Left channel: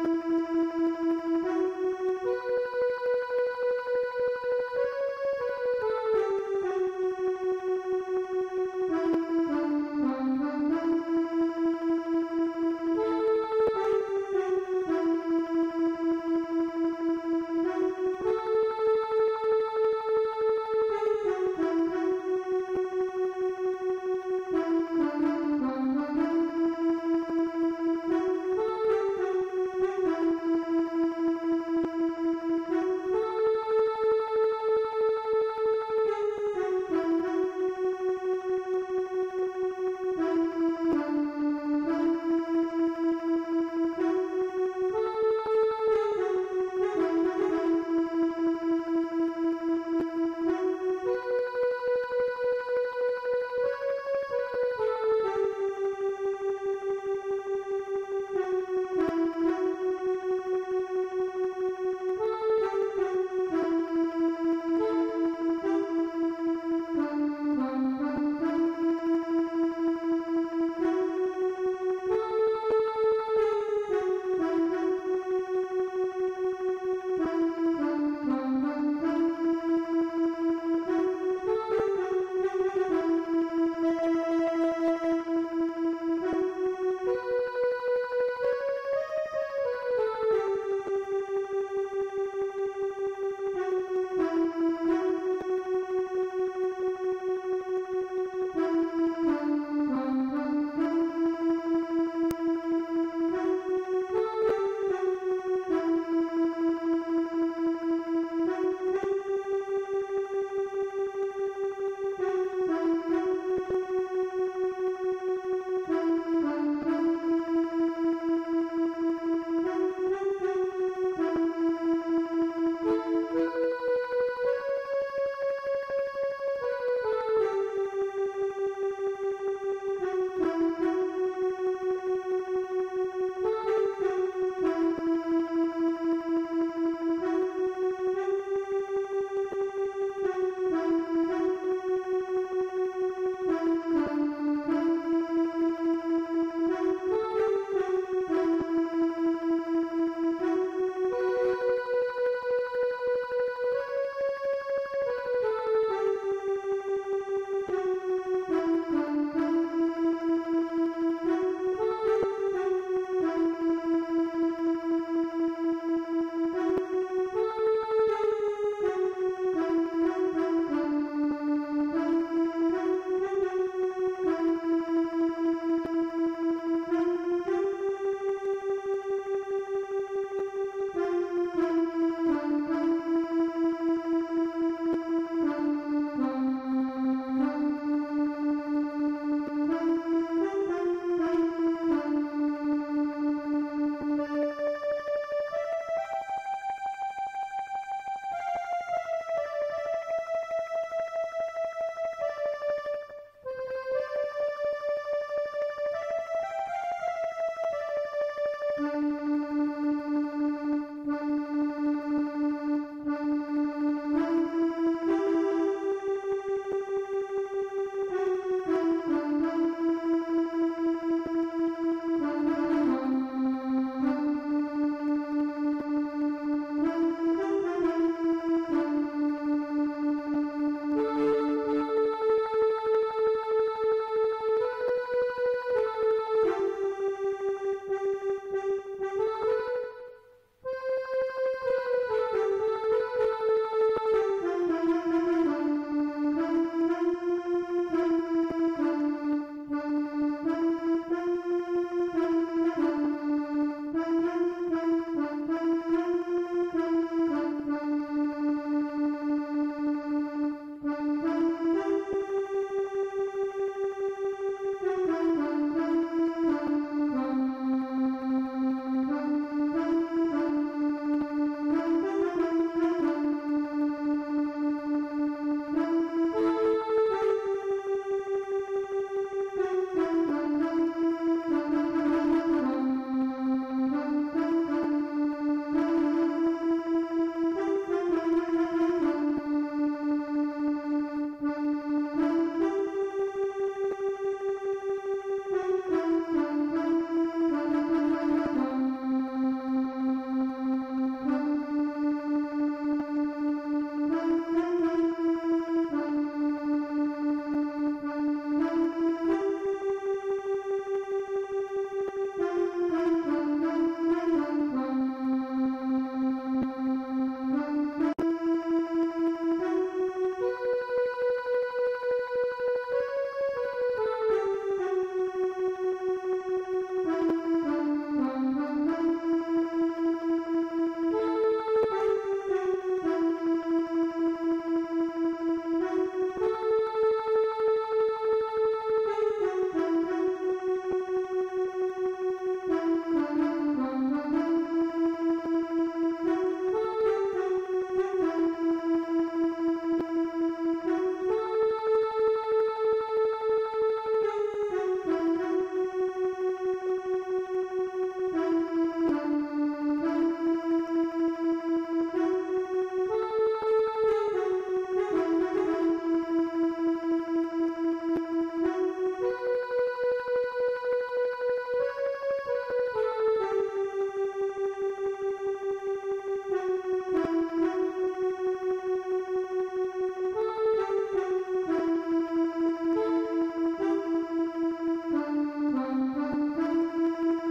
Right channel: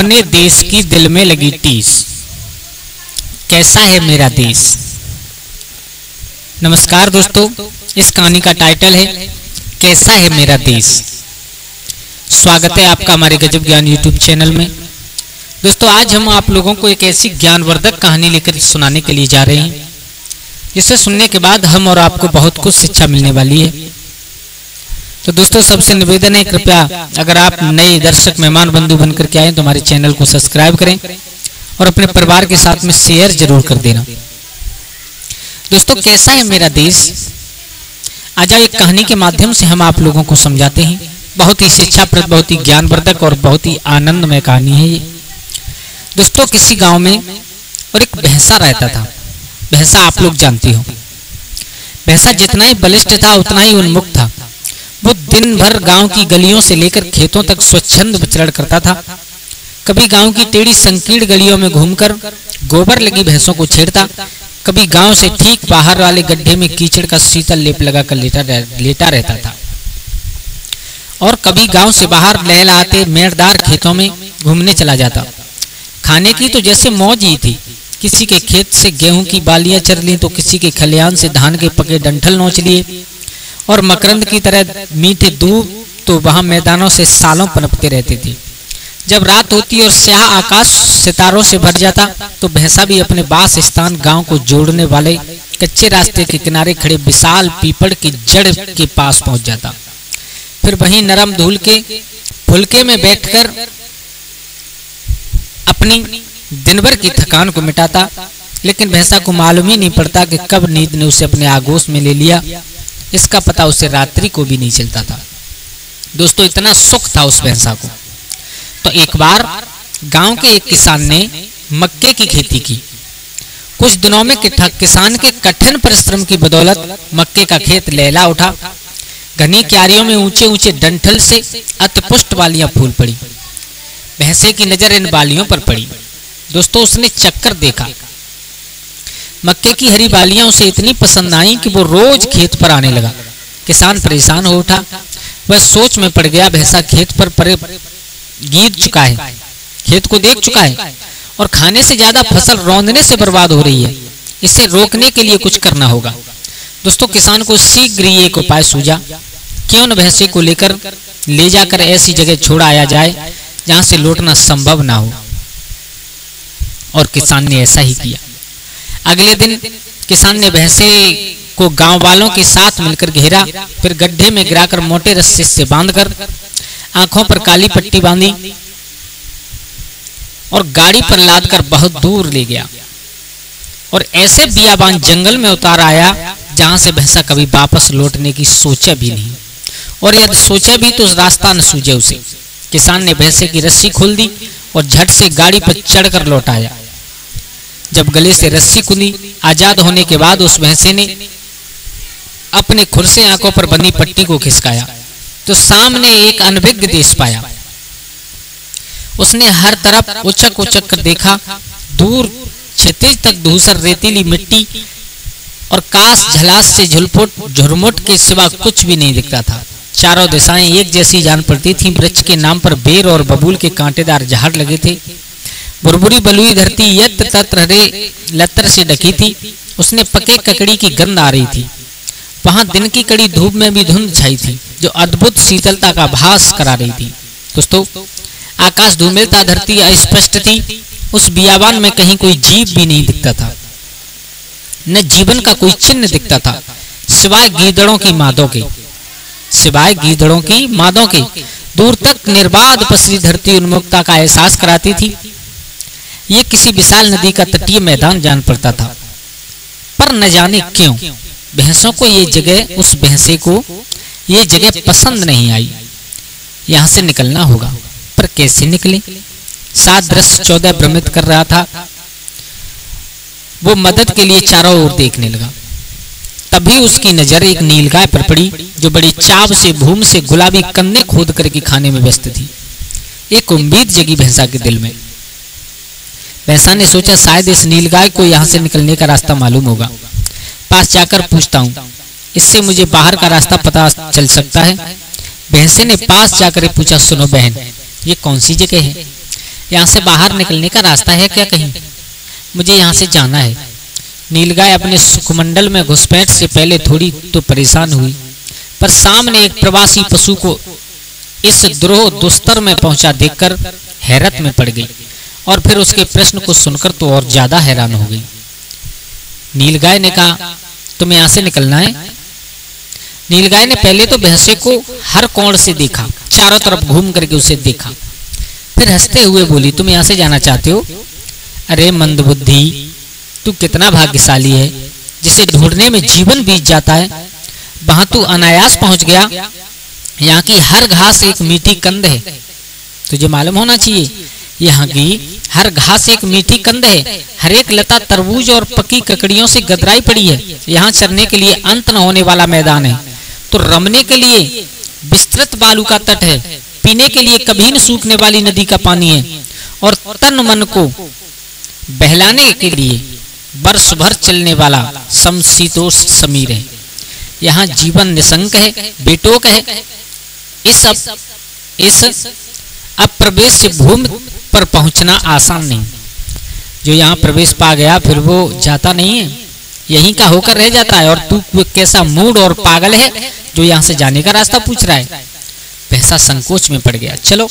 अपने देश की दिल में लगी टीस, कैसा है मेरा देश। नमस्कार दोस्तों, इस कहानी का टाइटल है कैसा है मेरा देश। स्वागत है आपका हमारे गजब ज्ञान यूट्यूब चैनल में। दोस्तों, आज हम आप लोगों को एक ऐसी ज्ञानवर्धक कहानी लेकर सुनाने के लिए जा रहे हैं जिसे सुनने के बाद हम और आपको बहुत कुछ शिक्षा मिलने वाली है। तो दोस्तों, सबसे निवेदन है, कृपया अगर आप नए दर्शक मेहमान बंधु बनकर के आए तो हमारे चैनल को सब्सक्राइब करें और अपने परिवार के साथ में शेयर जरूर कर देना। दोस्तों, कैसा है मेरा देश, आज एक कहानी के माध्यम से हम आप लोगों को समझाते हैं। बहुत ही शिक्षाप्रद, बहुत ही ज्ञानवर्धक और बहुत ही आनंदमय कहानी है ये। दोस्तों, किसी गांव में और एक भैंसा रहता था। भैंसा आप लोग जानते हो, भैंसा जितना ही बलिष्ठ था उतना ही उन्मुक्त था। वो दिन भर गांव की गलियों से लेकर खेतों तक स्वच्छंद विचरण करता था। कभी गांव की टेढ़ी संकीर्ण गलियों में घूमकर गोबर लगी भैंसों को छेड़ता, कभी गांव से ठीक बाहर वाले गड्ढे में कीचड़ का शीतल लेप लगाकर लेटा रहता था, और कभी गांव से बाहर लहलहाते मेड़दार खेतों में घूमने चला जाता। खाने की तो जैसे मौज ही थी। किसी के खेत से गेहूं की बालियां चर ली तो किसी के खलिहान से धान के पके डंठल नोच लिए, और मकरंद की तरह मीठे दूध तो वहां मैदानों से सालों पनपते रहती थी। जब रात होती और स्याह आकाश सितारों से भर जाता तो भैंसा भी अपने बास स्थान गांव को जोड़ने वाले कच्चे रास्ते के किनारे खड़े विशाल पीपड़ की जड़ के पास पहुंच जाता। फिर वहीं नरम धूल के फुलके में बैठकर अपनी दिन भर की थकान को मिटाता। लेकिन भैंसा को मालूम ही नहीं पड़ता कि कब नींद ने उसे अपने आगोश में ले लिया। इसका पता उसे रात्रि को भी नहीं चलता था। दोस्तों, इतना सुख था उस भैंसा को। तो एक बार गांव के एक किसान ने मक्के की खेती की। कुछ दिनों में किसान के कठिन परिश्रम की बदौलत मक्के का खेत लहला उठा। घनी क्यारियों में ऊंचे ऊंचे डंठल से अतिपुष्ट बालियां फूल पड़ी। भैंसे की नजर इन बालियों पर पड़ी। दोस्तों, उसने चक्कर देखा। मक्के की हरी बालियां उसे इतनी पसंद आई कि वो रोज खेत पर आने लगा। किसान परेशान हो उठा। वह सोच में पड़ गया, भैंसा खेत पर गीत चुका है, खेत को देख चुका है और खाने से ज्यादा फसल रौंदने से बर्बाद हो रही है। इसे रोकने के लिए कुछ करना होगा। दोस्तों, किसान को शीघ्र ही एक उपाय सूझा। क्यों न भैंसे को लेकर ले जाकर ऐसी जगह छोड़ आया जाए जहां से लौटना संभव ना हो। और किसान ने ऐसा ही किया। अगले दिन किसान ने भैंसे को गांव वालों के साथ मिलकर घेरा, फिर गड्ढे में गिराकर मोटे रस्से से बांधकर आंखों पर काली पट्टी बांधी और गाड़ी पर लादकर बहुत दूर ले गया और ऐसे बियाबान जंगल में उतार आया जहां से भैंसा कभी वापस लौटने की सोचा भी नहीं, और यदि सोचा भी तो रास्ता न सूझे उसे। किसान ने भैंसे की रस्सी खोल दी और झट से गाड़ी पर चढ़कर लौट आया। जब गले से रस्सी खुली, आजाद होने के बाद उस भैंसे ने अपने खुर से आंखों पर बंधी पट्टी को खिसकाया तो सामने एक अनभिज्ञ देश पाया। उसने हर तरफ उचक उचक कर देखा। दूर क्षितिज तक धूसर रेतीली मिट्टी और कास झलास से झुरमुट के सिवा कुछ भी नहीं दिखता था। चारों दिशाएं एक जैसी जान पड़ती थीं। वृक्ष के नाम पर बेर और बबूल के कांटेदार झाड़ लगे थे। बुरबुरी बलुई धरती यत्र तत्र हरे लतर से ढकी थी। उसने पके ककड़ी की गंध आ रही थी। वहां दिन की कड़ी धूप में भी धुंध छाई थी जो अद्भुत शीतलता का भास करा रही थी। दोस्तों, आकाश धूमिल था, धरती अस्पष्ट थी। उस बियाबान में कहीं कोई जीव भी नहीं दिखता था, न जीवन का कोई चिन्ह दिखता था, सिवाय गीदड़ों की मादों के। दूर तक निर्बाध पसरी धरती उन्मुक्ता का एहसास कराती थी। ये किसी विशाल नदी का तटीय मैदान जान पड़ता था। पर न जाने क्यों भैंसों को उस भैंसे को ये जगह पसंद नहीं आई। यहां से निकलना होगा, पर कैसे निकले? सात दृश्य 14 भ्रमित कर रहा था। वो मदद के लिए चारों ओर देखने लगा। तभी उसकी नजर एक नीलगाय पर पड़ी जो बड़ी चाव से भूमि से गुलाबी कन्ने खोद करके खाने में व्यस्त थी। एक उम्मीद जगी भैंसा के दिल में। भैंसा ने सोचा, शायद इस नीलगाय को यहाँ से निकलने का रास्ता मालूम होगा। पास जाकर पूछता हूँ, इससे मुझे बाहर का रास्ता पता चल सकता है। भैंसे ने पास जाकर पूछा, सुनो बहन, ये कौन सी जगह है? यहाँ से बाहर निकलने का रास्ता है क्या कहीं? मुझे यहाँ से जाना है। नीलगाय अपने सुखमंडल में घुसपैठ से पहले थोड़ी तो परेशान हुई, पर सामने एक प्रवासी पशु को इस द्रोह दुस्तर में पहुंचा देखकर हैरत में पड़ गई और फिर उसके प्रश्न को सुनकर तो और ज्यादा हैरान हो गई। नीलगाय ने कहा, तुम्हें यहाँ से निकलना है? नीलगाय ने पहले तो भैंसे को हर कोण से देखा, चारों तरफ घूम करके उसे देखा, फिर हंसते हुए बोली, तुम यहाँ से जाना चाहते हो? अरे मंदबुद्धि, तू कितना भाग्यशाली है जिसे ढूंढने में जीवन बीत जाता है। वहां तू अनायास पहुंच गया। यहाँ की हर घास एक मीठी कंद है, तुझे मालूम होना चाहिए। यहाँ की हर घास एक मीठी कंद है, हर एक लता तरबूज और पकी ककड़ियों से गदराई पड़ी है। यहाँ चरने के लिए अंत न होने वाला मैदान है, तो रमने के लिए विस्तृत बालू का तट है, पीने के लिए कभी न सूखने वाली नदी का पानी है, और तन मन को बहलाने के लिए वर्ष भर चलने वाला समशीतोष्ण समीर है। यहाँ जीवन निशंक है, बेटोक है। इस अप्रवेश भूमि पर पहुंचना आसान नहीं। जो यहाँ प्रवेश पा गया फिर वो जाता नहीं है, यहीं का होकर रह जाता है। और तू कैसा मूड और पागल है जो यहाँ से जाने का रास्ता पूछ रहा है? भैंसा संकोच में पड़ गया। चलो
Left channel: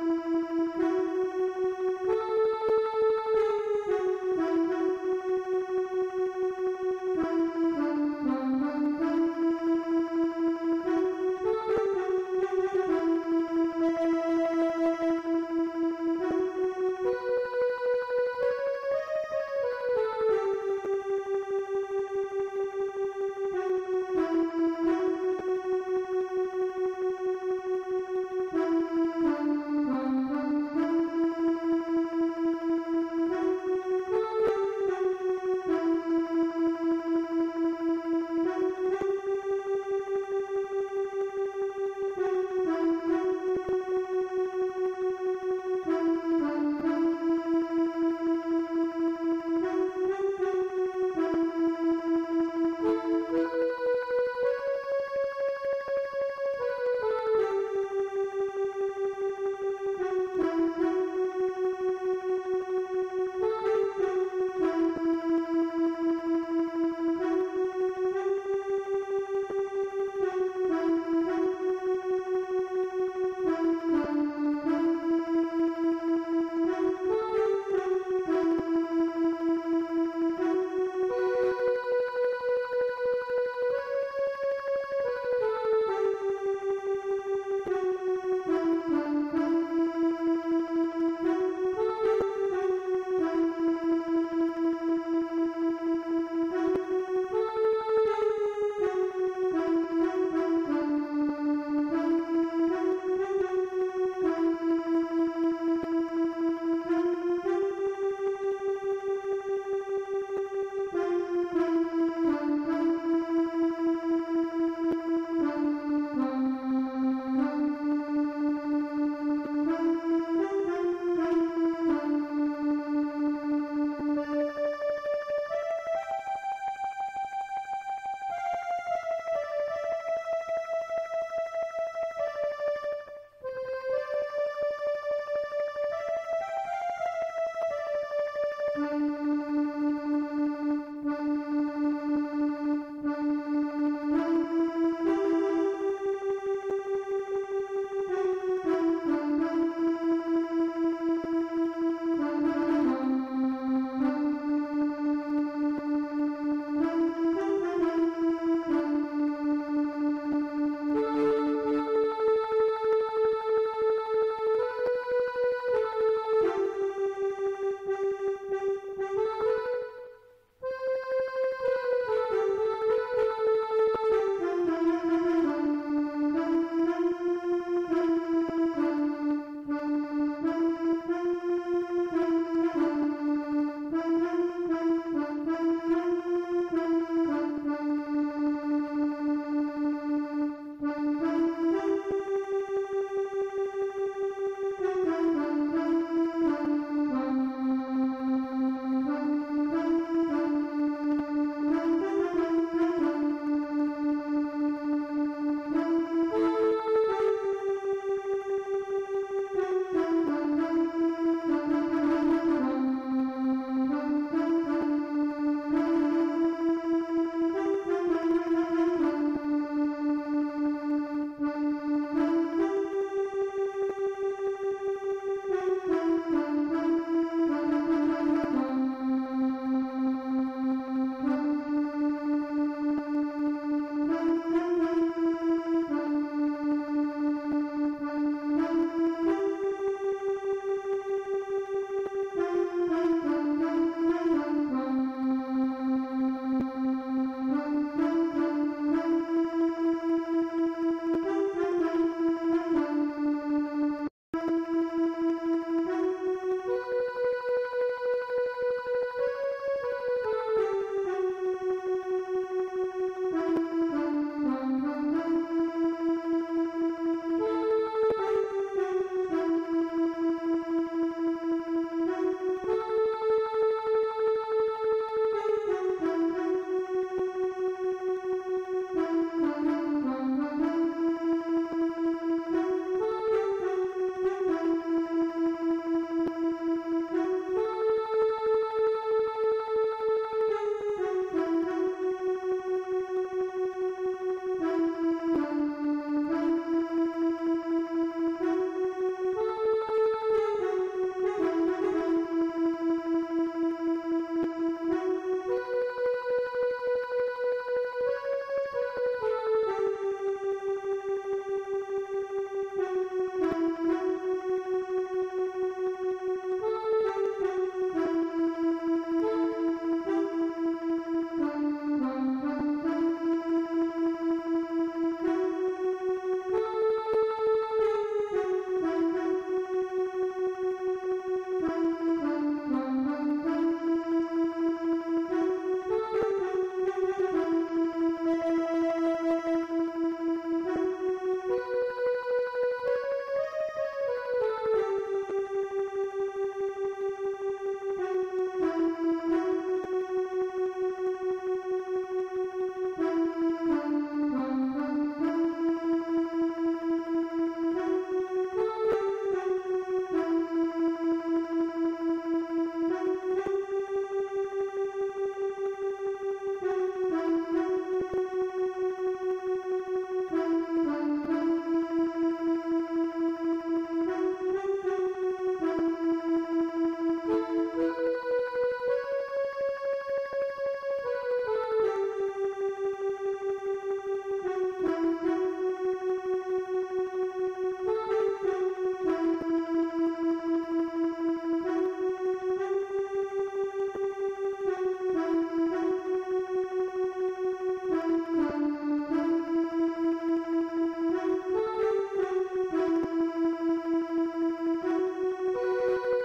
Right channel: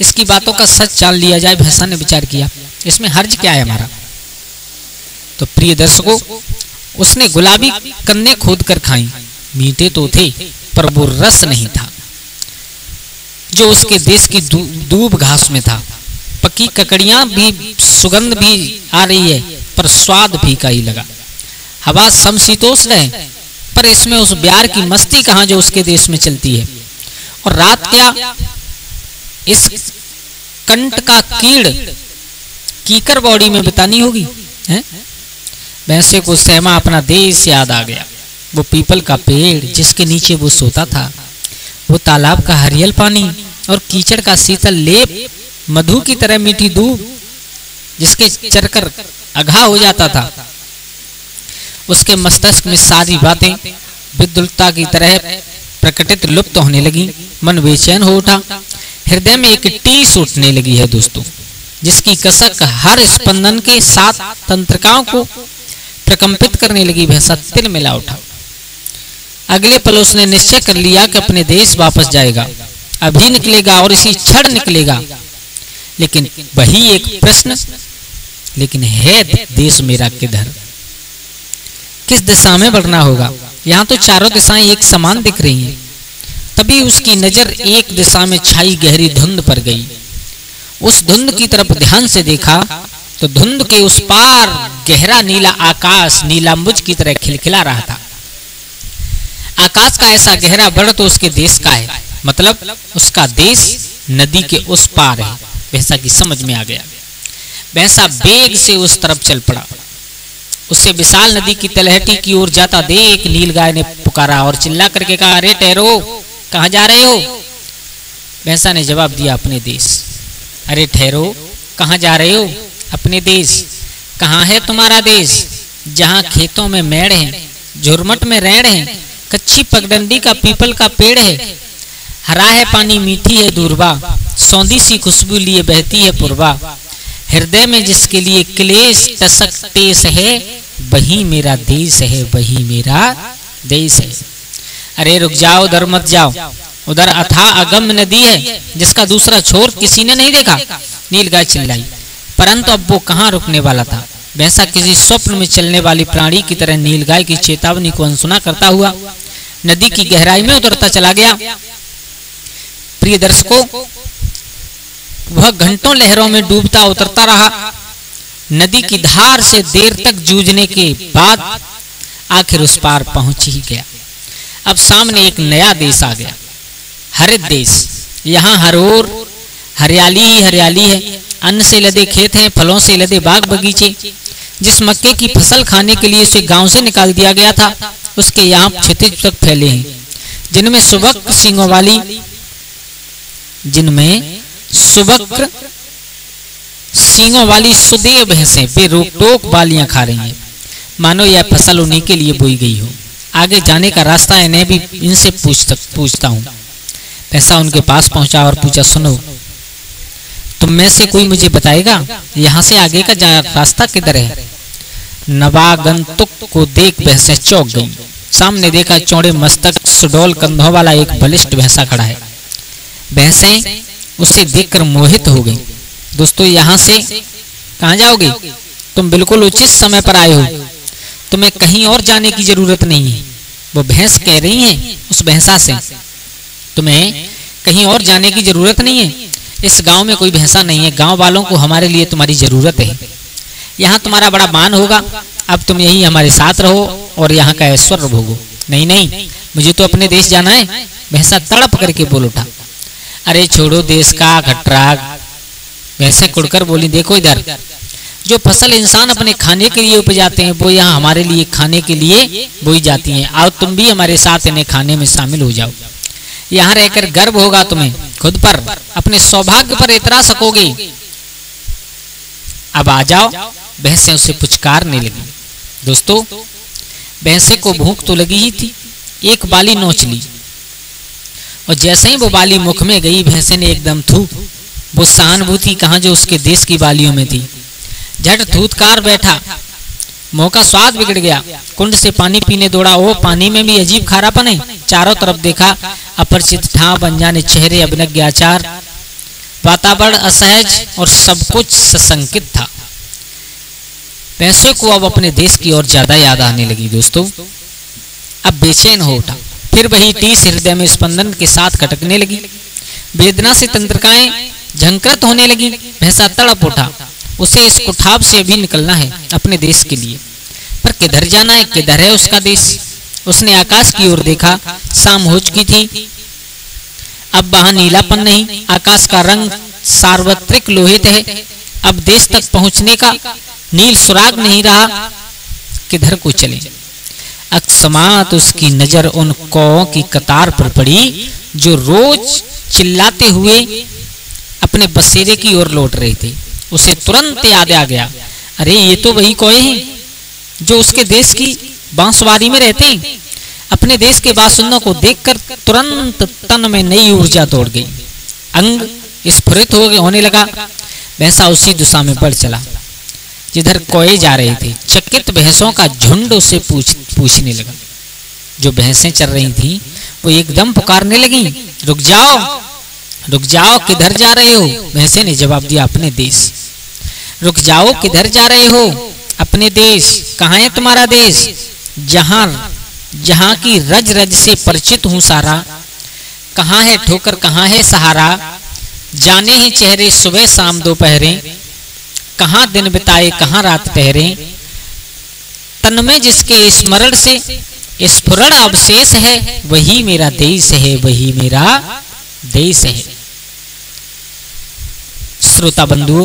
इसकी बातों का सच जान लिया जाए, भैंसा ने विचार किया। इसमें हर्ज क्या है हमारा? तो प्रिय दर्शकों, उसने गुलाबी कन्ने खोद कर खाई। मीठे तो थे पर वो रस नहीं था जो उसके देश की दूब घास में था। पकी ककड़ियां भी, सुगंध भी आ रही है, पर स्वाद फीका ही लगा। हवा समशीतोष्ण है, पर इसमें उस प्यार की मस्ती कहां जो उसके देश में चलती है। और रात क्या इस कंट का कीड़ कीकर बॉडी में बितानी होगी, हैं? भैंसे को सहमा अपना देश याद आ गया। वो पीपल का पेड़ जिसके नीचे वो सोता था, वो तालाब का हरियल पानी और कीचड़ का शीतल लेप, मधु की तरह मीठी दूब जिसके चरकर अघा हो जाता था। उसके मस्तिष्क में सारी बातें विद्युलता की तरह प्रकटित लुप्त होने लगी। मन बेचैन हो उठा, हृदय में एक टीस उठने लगी है दोस्तों, जिसकी कसक हर स्पंदन के साथ तंत्रिकाओं को प्रकंपित करने लगी। भैंसा तिल मिला उठा। अगले पल उसने निश्चय कर लिया कि अपने देश वापस जाएगा, अभी निकलेगा और इसी क्षण निकलेगा। लेकिन वही एक प्रश्न, लेकिन है देश मेरा किधर? किस दिशा में बढ़ना होगा? यहाँ तो चारों दिशाएं एक समान दिख रही हैं। तभी उसकी नजर एक दिशा में छाई गहरी धुंध पर गई। उस धुंध की तरफ ध्यान से देखा तो धुंध के उस पार गहरा नीला आकाश नीलांबुज की तरह खिलखिला रहा था। आकाश का ऐसा गहरा बड़ तो उसके देश का है, मतलब उसका देश नदी के उस पार है। भैंसा की समझ में आ गया। भैंसा बेग से उस तरफ चल पड़ा। उससे विशाल नदी की तलहटी की ओर जाता देख नीलगाय ने पुकारा और चिल्ला करके कहा, अरे ठहरो, कहाँ जा रहे हो? भैंसा ने जवाब दिया, अपने देश। अरे ठहरो, कहाँ जा रहे हो? अपने देश। कहाँ है तुम्हारा देश? जहाँ खेतों में मेड़ है, झुरमट में रेड़ है, कच्ची पगडंडी का पीपल का पेड़ है, हरा है पानी, मीठी है दूरबा, सौंधी सी खुशबू लिए बहती है पूर्वा। हृदय में जिसके लिए क्लेश टसक टेस है, वही मेरा देश है, वही मेरा देश है। अरे रुक जाओ, उधर मत जाओ, उधर अथाह अगम नदी है जिसका दूसरा छोर किसी ने नहीं देखा। नीलगाय चिल्लाई, परंतु अब वो कहाँ रुकने वाला था। भैंसा किसी स्वप्न में चलने वाली प्राणी की तरह नीलगाय की चेतावनी को अनसुना करता हुआ नदी की गहराई में उतरता चला गया। प्रिय दर्शकों, वह घंटों लहरों में डूबता उतरता रहा। नदी की धार से देर तक जूझने के बाद आखिर उस पार पहुंच ही गया। अब सामने एक नया देश आ गया, हरित देश। यहाँ हर ओर हरियाली ही हरियाली है। अन्न से लदे खेत हैं, फलों से लदे बाग बगीचे। जिस मक्के की फसल खाने के लिए उसे गांव से निकाल दिया गया था, उसके यहाँ क्षितिज तक फैले हैं, जिनमें सुबक्र सींगों वाली सुदेव भैंसें बेरोक टोक बालियां खा रही हैं, मानो यह फसल उन्हीं के लिए बोई गई हो। आगे जाने का रास्ता इन्हें भी इनसे पूछता हूँ। भैंसा उनके पास पहुंचा और पूछा, सुनो, तुम तुम में से कोई मुझे बताएगा यहाँ से आगे का रास्ता किधर है? नवागंतुक को देख भैंसें चौंक गईं। सामने देखा चौड़े मस्तक सुडौल कंधों वाला एक बलिष्ठ भैंसा खड़ा है। भैंसें उसे देखकर मोहित हो गई। दोस्तों, यहाँ से कहाँ जाओगे? तुम बिल्कुल उचित समय पर आए हो, तुम्हें कहीं और जाने की जरूरत नहीं है। वो भैंस कह रही है उस भैंसा से, तुम्हें कहीं और जाने की जरूरत नहीं है। इस गांव में कोई भैंसा नहीं है, गांव वालों को हमारे लिए तुम्हारी जरूरत है। यहाँ तुम्हारा बड़ा मान होगा, अब तुम यही हमारे साथ रहो और यहाँ का ऐश्वर्य भोगो। नहीं नहीं, मुझे तो अपने देश जाना है, भैंसा तड़प करके बोल उठा। अरे छोड़ो देश का खटराग, भैंसे कुड़कर बोली, देखो इधर, जो फसल इंसान अपने खाने के लिए उपजाते हैं वो यहाँ हमारे लिए खाने के लिए बोई जाती हैं। आओ तुम भी हमारे साथ इन्हें खाने में शामिल हो जाओ। यहाँ रहकर गर्व होगा तुम्हें खुद पर, अपने सौभाग्य पर इतरा सकोगे। अब आ जाओ। भैंसें उसे पुचकारने लगी। दोस्तों, भैंसे को भूख तो लगी ही थी, एक बाली नोच ली और जैसे ही वो बाली मुख में गई, भैंसे ने एकदम थूक। वो सहानुभूति कहाँ जो उसके देश की बालियों में थी। झट थूथकार बैठा, मुंह का स्वाद बिगड़ गया। कुंड से पानी पीने दौड़ा, वो पानी में भी अजीब खारापन है। चारों तरफ देखा, अपरिचित ठाव, अनजाने चेहरे, अभिनज्ञ आचार, वातावरण असहज और सब कुछ सशंकित था। भैंसे को अब अपने देश की ओर ज्यादा याद आने लगी। दोस्तों, अब बेचैन हो उठा, फिर वही टीस हृदय में स्पंदन के साथ खटकने लगी। वेदना से तंत्रिकाएं झंकृत होने लगी। भैंसा तड़प उठा, उसे इस कुठाब से भी निकलना है अपने देश के लिए, पर किधर जाना है, किधर है उसका देश? उसने आकाश की ओर देखा, शाम हो चुकी थी, अब वहां नीलापन नहीं, आकाश का रंग सार्वत्रिक लोहित है। अब देश तक पहुंचने का नील सुराग नहीं रहा, किधर को चले? अकस्मात उसकी नजर उन कौओं की कतार पर पड़ी जो रोज चिल्लाते हुए अपने बसेरे की ओर लौट रहे थे। उसे तुरंत याद आ गया, अरे ये तो वही कौए हैं जो उसके देश की बांसवारी में रहते हैं। अपने देश के बासिंदों को देखकर तुरंत तन में नई ऊर्जा दौड़ गई, अंग स्फुरित होने लगा। भैंसा उसी दिशा में बढ़ चला जिधर कौए जा रहे थे। चकित भैंसों का झुंड उसे पूछने लगा। जो भैंसें चल रही थी वो एकदम पुकारने लगी, रुक जाओ, रुक जाओ, किधर जा रहे हो? भैंसे ने जवाब दिया, अपने देश। रुक जाओ, किधर जा रहे हो? अपने देश। कहाँ है तुम्हारा देश? जहां की रज रज से परिचित हूं सारा। कहाँ है ठोकर, कहाँ है सहारा? जाने ही चेहरे सुबह शाम दोपहरे, कहाँ दिन बिताए कहाँ रात ठहरे। तन में जिसके स्मरण से स्फुरण अवशेष है, वही मेरा देश है, वही मेरा देश है। श्रोता बंधुओं,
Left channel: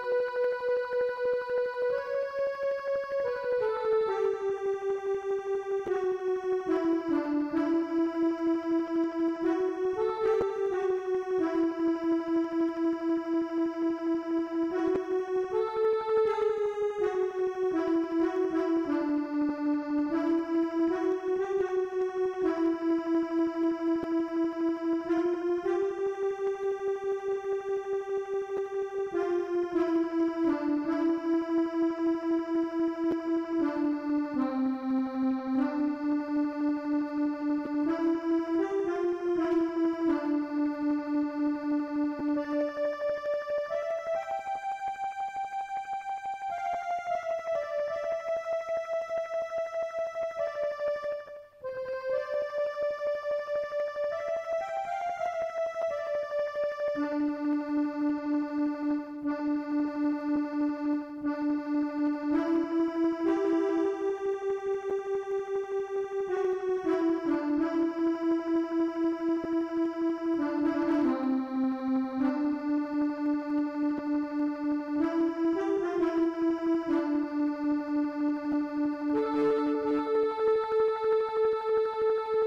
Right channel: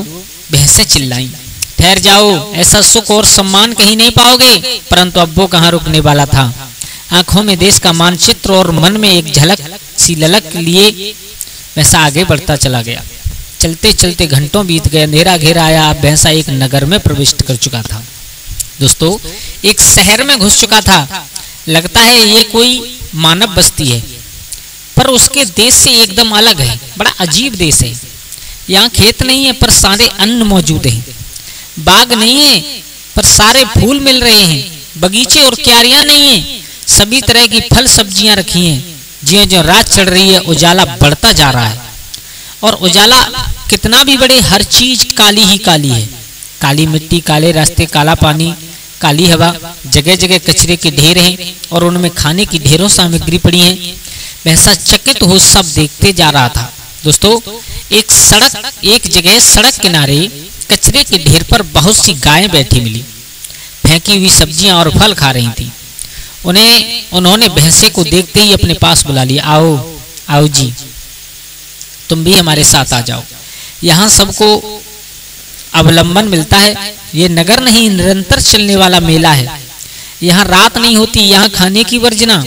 भैंसें चिल्लाई, ठहर जाओ, ऐसा सुख और सम्मान कहीं नहीं पाओगे। परंतु अब वो कहाँ रुकने वाला था। आंखों में देश का मानचित्र और मन में एक झलक सी ललक लिए भैंसा आगे बढ़ता चला गया। चलते चलते घंटों बीत गए, अंधेरा घेरा आया। अब भैंसा एक नगर में प्रविष्ट कर चुका था। दोस्तों, एक शहर में घुस चुका था। लगता है ये कोई मानव बस्ती है, पर उसके देश से एकदम अलग है। बड़ा अजीब देश है। यहाँ खेत नहीं है पर सारे अन्न मौजूद हैं। बाग नहीं है पर सारे फूल मिल रहे हैं। बगीचे और क्यारियां नहीं है, सभी तरह की फल सब्जियां रखी हैं। ज्यों ज्यों रात चढ़ रही है, उजाला बढ़ता जा रहा है। और उजाला कितना भी बढ़े, हर चीज काली ही काली है। काली मिट्टी, काले रास्ते, काला पानी, काली हवा, जगह जगह कचरे के ढेर हैं और उनमें खाने की ढेरों सामग्री पड़ी है। भैंसा चकित हो सब देखते जा रहा था। दोस्तों, एक जगह सड़क किनारे कचरे के ढेर पर बहुत सी गायें बैठी मिली। फेंकी हुई सब्जियां और फल खा रही थी। उन्होंने भैंसे को देखते ही अपने पास बुला लिया। आओ आओ जी, तुम भी हमारे साथ आ जाओ। यहाँ सबको अवलंबन मिलता है। ये नगर नहीं, निरंतर चलने वाला मेला है। यहाँ रात नहीं होती, यहाँ खाने की वर्जना।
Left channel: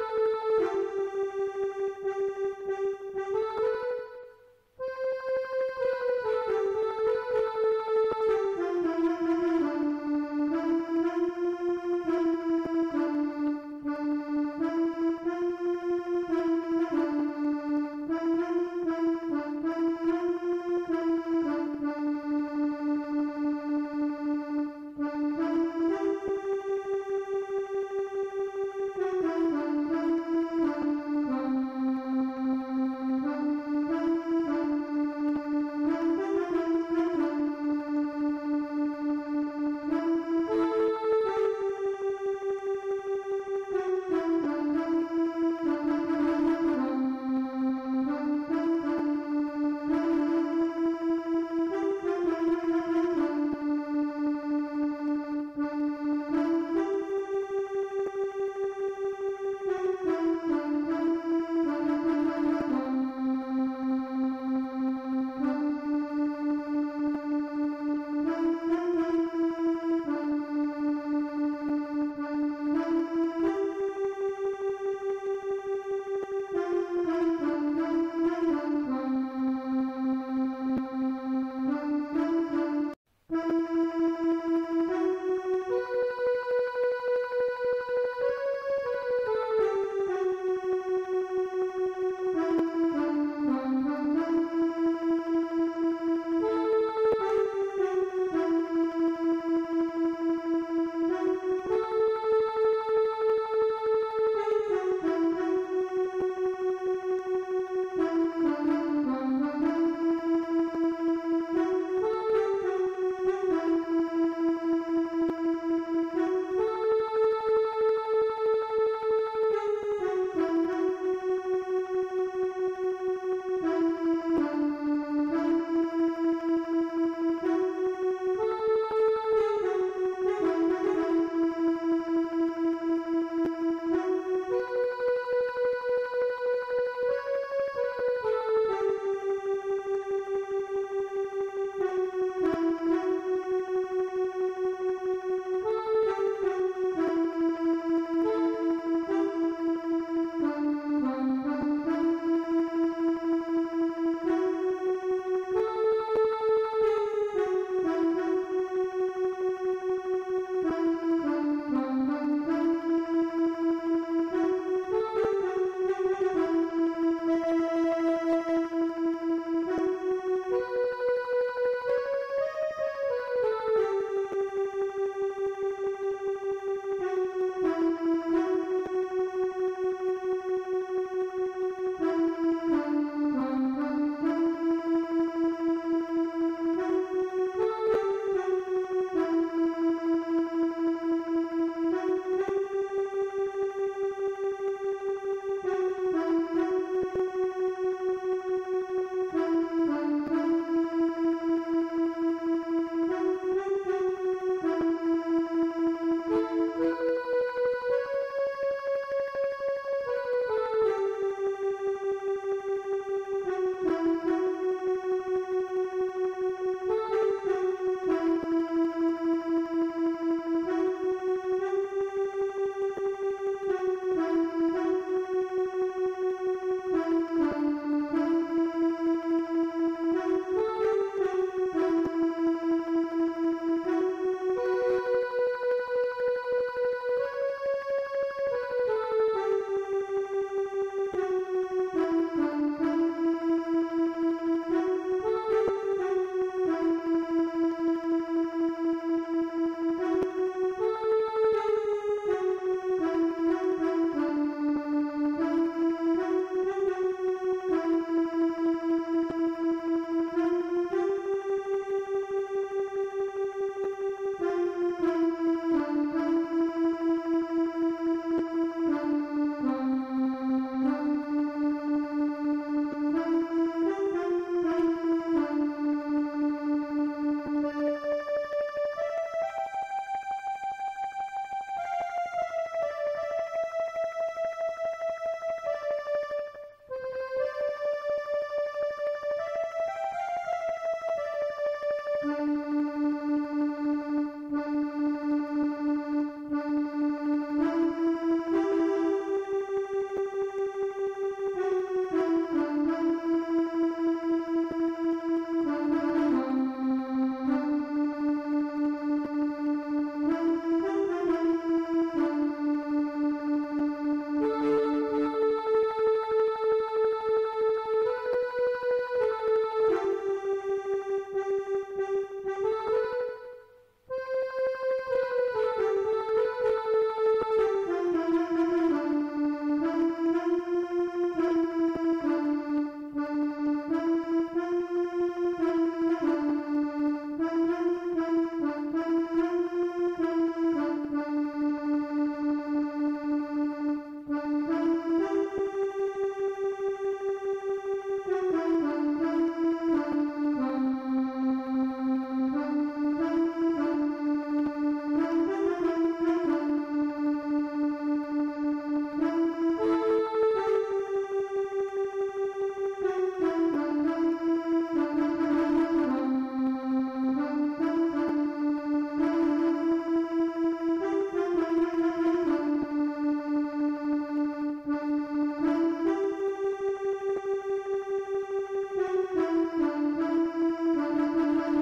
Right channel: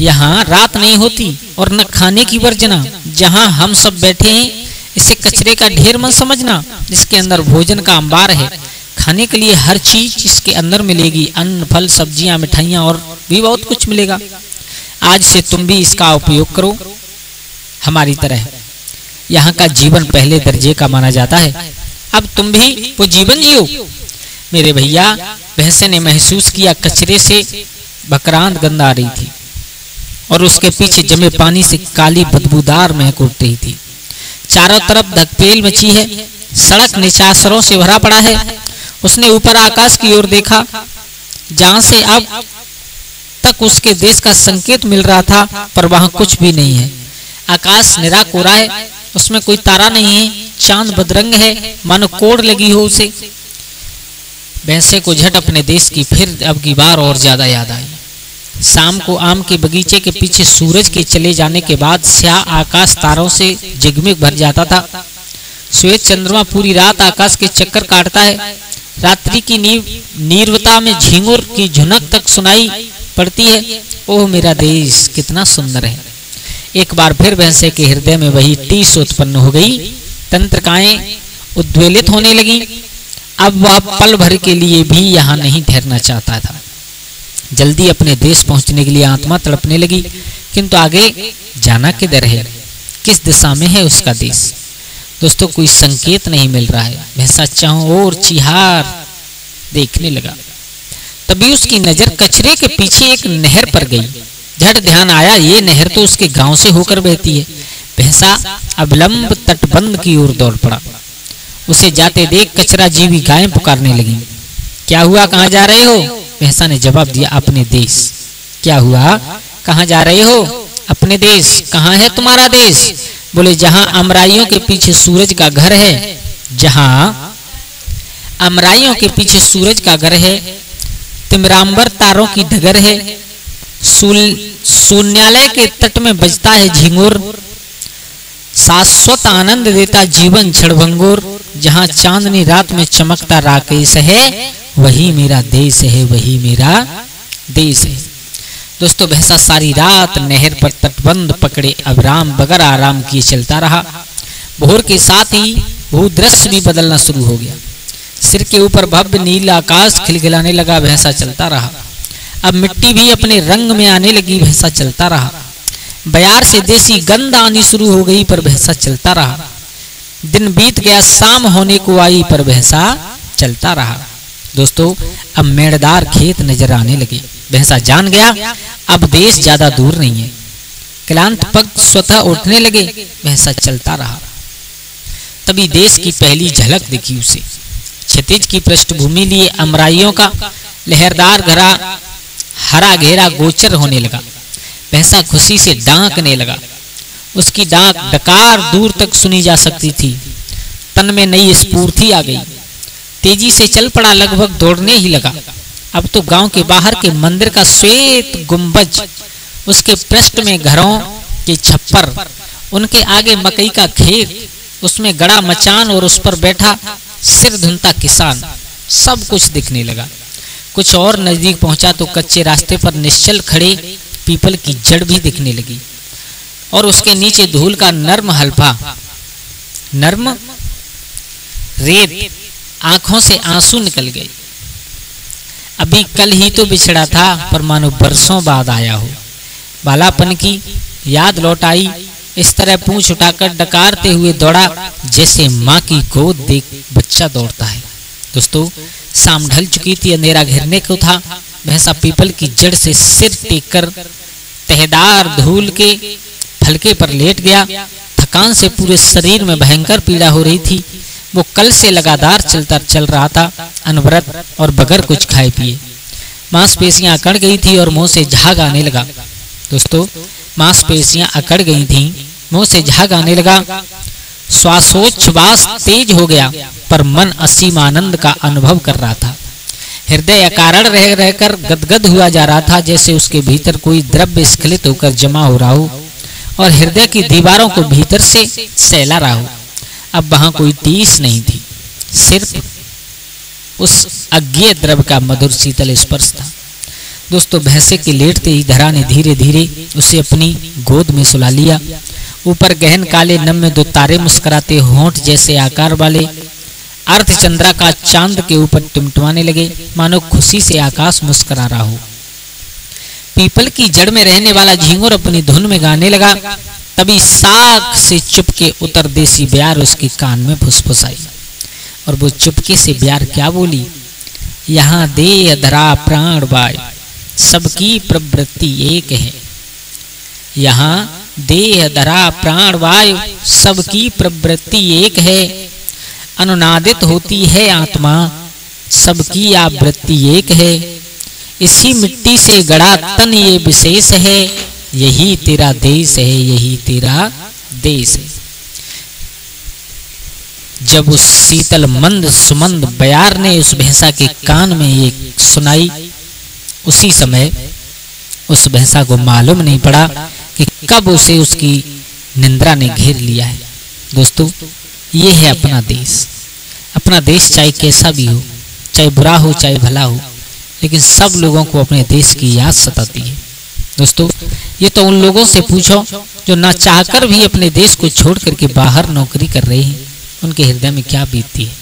यहाँ रात नहीं होती और न खाने की वर्जना। जहाँ हम सब बैठे हैं, इसे कचरे का ढेर मत समझना। इसके अंदर भोजन का अंबार है। खाने के लिए हर चीज इसके अंदर मिलेगी। अन्न, फल, सब्जियां, मिठाइयां और भी बहुत कुछ मिलेगा। आज से तुम भी इसका उपयोग करो हमारी तरह। यहाँ का जीवन पहले दर्जे का माना जाता है, अब तुम भी वो जीवन जियो। मेरे भैया, भैंसे ने महसूस किया कचरे से बकरांत गंध आ रही थी और उसके पीछे जमे पानी से काली बदबूदार महक उठ रही थी। चारों तरफ धकपेल मची है, सड़क निशाचरों से भरा पड़ा है। उसने ऊपर आकाश की ओर देखा, जहां से अब तक उसके देश का संकेत मिल रहा था, पर वहां कुछ भी नहीं है। आकाश निरा कोरा है, उसमें कोई तारा नहीं है, चांद बदरंग है, मानो कोड़ लगी हो उसे। भैंसे को झट अपने देश की फिर अब की बार और ज्यादा याद आई। शाम को आम के बगीचे के पीछे सूरज के चले जाने के बाद स्याह आकाश तारों से जगमग भर जाता था। श्वेत चंद्रमा पूरी रात आकाश के चक्कर काटता है। रात्रि की नीरवता में झींगुर की झुनक तक सुनाई पड़ती है। ओह मेरा देश कितना सुंदर है। एक बार फिर भैंसे के हृदय में वही टीस उत्पन्न हो गई। तंत्रिकाएं उद्वेलित होने लगी। अब वह पल भर के लिए भी यहाँ नहीं ठहरना चाहता था। जल्दी अपने देश पहुंचने के लिए आत्मा तड़पने लगी, किंतु आगे जाना किधर है, किस दिशा में है उसका देश। दोस्तों, कोई संकेत नहीं मिल रहा है। भैंसा चारों ओर चिहार देखने लगा। तभी उसकी नजर कचरे के पीछे एक नहर पर गई। झट ध्यान आया, ये नहर तो उसके गांव से होकर बहती है। भैंसा अविलंब तटबंध की ओर दौड़ पड़ा। उसे जाते देख कचरा जीवी गायें पुकारने लगी। क्या हुआ, कहाँ जा रहे हो? भैंसा ने जवाब दिया, अपने देश। क्या हुआ, कहाँ जा रहे हो? अपने देश। कहाँ है तुम्हारा देश? बोले, जहां अमराइयों के पीछे सूरज का घर है। जहां अमराइयों के पीछे सूरज का घर है, तिमरांबर तारों की डगर है, शून्यालय के तट में बजता है झिंगुर, शाश्वत आनंद देता जीवन क्षणभंगुर, जहां चांदनी रात में चमकता राकेश है, वही मेरा देश है, वही मेरा देश है। दोस्तों, भैंसा सारी रात नहर पर तटबंध पकड़े अविराम बगैर आराम किए चलता रहा। भोर के साथ ही भूदृश्य भी बदलना शुरू हो गया। सिर के ऊपर भव्य नीला आकाश खिलखिलाने लगा। भैंसा चलता रहा। अब मिट्टी भी अपने रंग में आने लगी। भैंसा चलता रहा। बयार से देसी गंध आनी शुरू हो गई, पर भैंसा चलता रहा। दिन बीत गया, शाम होने को आई, पर भैंसा चलता रहा। दोस्तों, अब मेड़दार खेत नजर आने लगे। भैंसा जान गया अब देश ज्यादा दूर नहीं है। क्लांत पग स्वतः उठने लगे। भैंसा चलता रहा। तभी देश की पहली झलक दिखी उसे। क्षितिज की पृष्ठभूमि लिए अमराइयों का लहरदार घरा हरा घेरा गोचर होने लगा। भैंसा खुशी से डांकने लगा। उसकी डांक डकार दूर तक सुनी जा सकती थी। तन में नई स्फूर्ति आ गई। तेजी से चल पड़ा, लगभग दौड़ने ही लगा। अब तो गांव के बाहर के मंदिर का श्वेत गुंबज, उसके पृष्ठ में घरों के छप्पर, उनके आगे मकई का खेत, उसमें गड़ा मचान और उस पर बैठा सिर धुनता किसान, सब कुछ दिखने लगा। कुछ और नजदीक पहुंचा तो कच्चे रास्ते पर निश्चल खड़े पीपल की जड़ भी दिखने लगी और उसके नीचे धूल का नर्म हल्फा, नर्म रेत। आंखों से आंसू निकल गए। अभी कल ही तो बिछड़ा था, पर मानो बरसों बाद आया हो। बालापन की याद लौट आई। इस तरह पूंछ उठाकर डकारते हुए दौड़ा, जैसे माँ की गोद देख बच्चा दौड़ता है। दोस्तों, शाम ढल चुकी थी, अंधेरा घेरने को था। भैंसा पीपल की जड़ से सिर टेक कर तहदार धूल के फलके पर लेट गया। थकान से पूरे शरीर में भयंकर पीड़ा हो रही थी। वो कल से लगातार चल रहा था, अनवरत और बगैर कुछ खाए पिए। मांसपेशियां अकड़ गई थी और मुंह से झाग आने लगा। दोस्तों, मांसपेशियां अकड़ गई थी, मुंह से झाग आने लगा। श्वासोच्छ्वास तेज हो गया, पर मन असीम आनंद का अनुभव कर रहा था। हृदय अकारण रह रहकर गदगद हुआ जा रहा था, जैसे उसके भीतर कोई द्रव्य स्खलित होकर जमा हो रहा हो और हृदय की दीवारों को भीतर से सहला रहा हो। अब वहां कोई टीस नहीं थी, सिर्फ उस अज्ञेय द्रव्य का मधुर शीतल स्पर्श था। दोस्तों, भैंसे के लेटते ही धरा ने धीरे धीरे उसे अपनी गोद में सुला लिया। ऊपर गहन काले नम में दो तारे मुस्कुराते होंठ जैसे आकार वाले अर्धचंद्रा का चांद के ऊपर टिमटिमाने लगे, मानो खुशी से आकाश मुस्कुरा रहा हो। पीपल की जड़ में रहने वाला झींगुर अपनी धुन में गाने लगा। तभी साख से चुपके उतर देसी ब्यार उसके कान में फुसफुसाई। और वो चुपके से ब्यार क्या बोली, यहाँ देह धरा प्राण वायु सबकी प्रवृत्ति एक है। यहाँ देह धरा प्राण वायु सबकी प्रवृत्ति एक है। अनुनादित होती है आत्मा सबकी आवृत्ति एक है। इसी मिट्टी से गढ़ा तन ये विशेष है। यही तेरा देश है, यही तेरा देश है। जब उस शीतल मंद सुमंद बयार ने उस भैंसा के कान में ये सुनाई, उसी समय उस भैंसा को मालूम नहीं पड़ा कि कब उसे उसकी निंद्रा ने घेर लिया है। दोस्तों, ये है अपना देश। अपना देश चाहे कैसा भी हो, चाहे बुरा हो चाहे भला हो, लेकिन सब लोगों को अपने देश की याद सताती है। दोस्तों, ये तो उन लोगों से पूछो जो ना चाहकर भी अपने देश को छोड़ करके बाहर नौकरी कर रहे हैं, उनके हृदय में क्या बीतती है।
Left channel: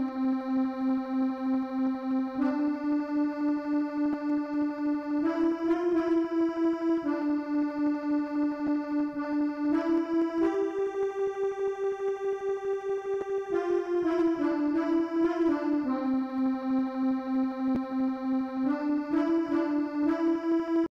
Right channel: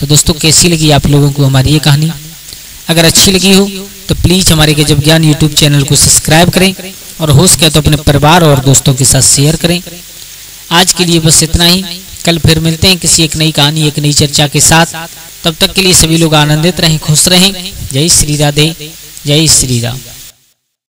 तो दोस्तों, कैसी लगी आप लोगों को हमारी ये कहानी? अगर अच्छी लगी हो तो प्लीज़ हमारे गजब ज्ञान यूट्यूब चैनल को सब्सक्राइब करें और हो सके तो अपने परिवार और दोस्तों के साथ शेयर करें। आज के लिए बस इतना ही। कल फिर मिलते हैं किसी एक नई कहानी, एक नई चर्चा के साथ। तब तक के लिए सभी लोग आनंदित रहें, खुश रहें। जय श्री राधे, जय श्री राम।